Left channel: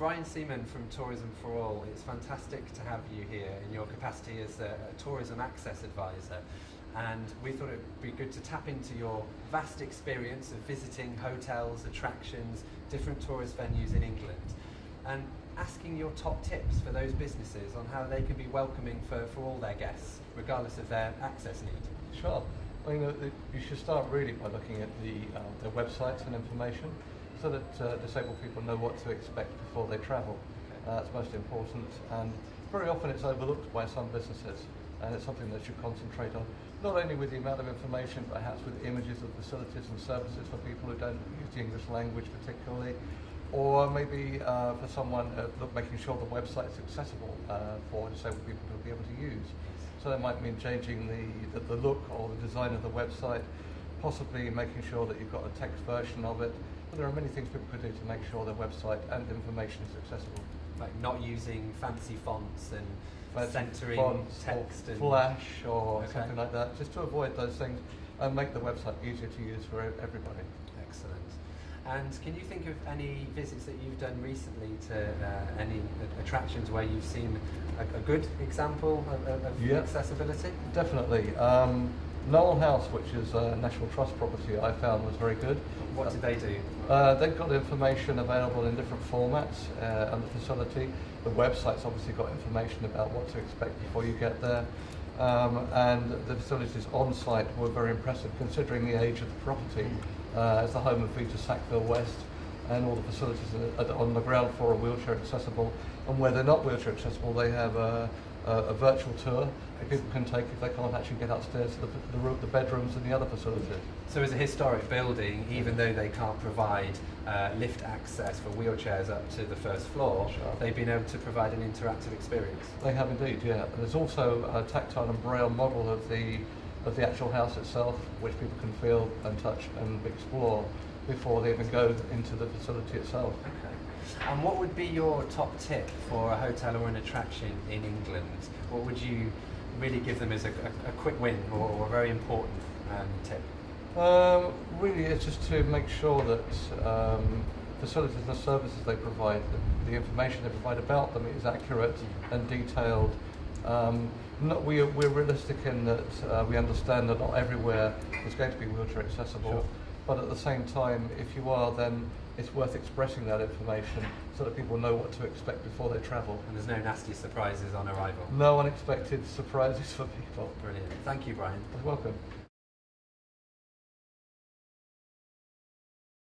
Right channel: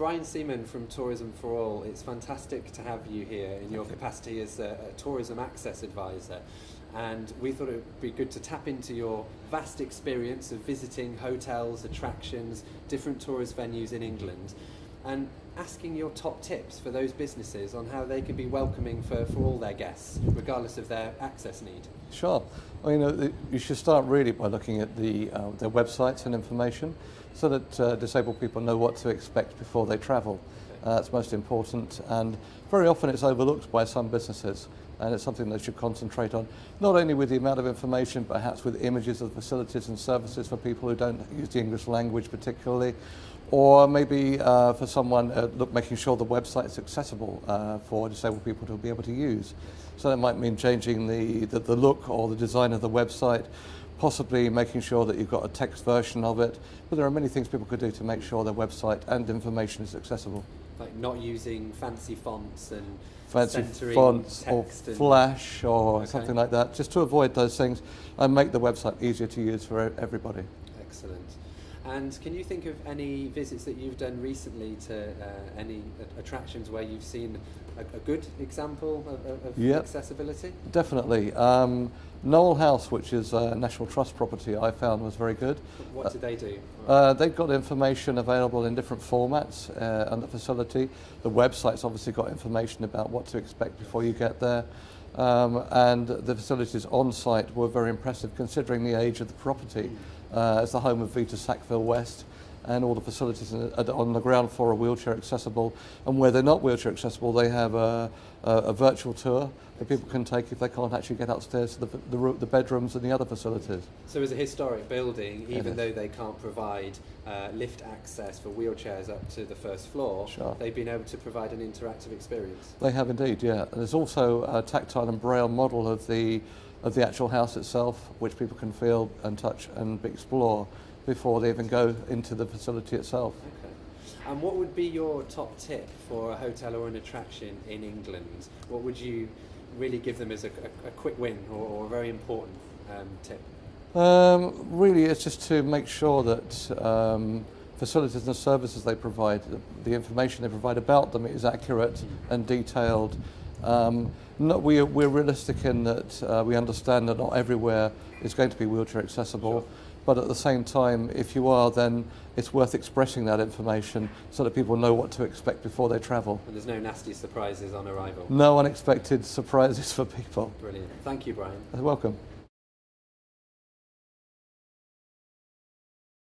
Brian Seaman from Tourism for All. It's fantastic to have you here in your capacity as a tourism access advisor. And we thought it would be good to tap into your vast experience of visiting hotels, attractions, different tourist venues in England, and asking your top tips for those businesses on how they can be welcoming for all their guests, regardless of their access need. Sure. Well, you should start really by looking at their websites and information so that disabled people know what to expect before they travel. That's most important, and very often it's overlooked by some businesses, and it's something they should concentrate on, not only with the amount of information, but perhaps with images of facilities and services for people who don't use the English language particularly, or maybe for someone making sure the website is accessible for disabled people to be able to use. So that might mean changing the look or the design of the website, possibly making sure that you've got a text version of it. But there are many things people could do to make sure their website and information is accessible. Like not using fancy fonts and fancy centering fonts or text flash or something like that, just to avoid those things and make the website easier to use for everybody. Excellent. And can you think of any visits that you've done recently to any attractions where you've seen a good example of accessibility? Definitely. Knowle House, which is a National Trust property, I found was very good. What did they do? They've got information available in different formats on the facility. The website's obviously got information about what to expect before you get there. And the facilities on site were very impressive considering the age of the property. It's the home of Vita Sackville West, and all the facilities on the ground floor are wheelchair accessible, and where they're not wheelchair accessible they have a virtual tour that people can take if they can't actually get upstairs to the bedrooms and the other facilities. So as a historic building, even though they can't provide lift access for wheelchairs up to the first floor, they've been able to provide an interactive experience. They have indeed, yeah. And there's also a tactile and braille model of the actual house itself, which people can feel and touch and explore before they even go into the facility itself. Okay. And what would be your top tip for a hotel or an attraction in England? What would you really give them as a quick win or a very important tip? Really, it's just to make sure that facilities and services they provide, the information they provide about them is accurate and detailed. We're realistic in that we understand that not everywhere is going to be wheelchair accessible, but at the same time, if you are, then it's worth expressing that information so that people know what to expect before they travel. And there's no nasty surprises on arrival? No unexpected surprises for people. Brilliant. Thank you, Brian. You're welcome.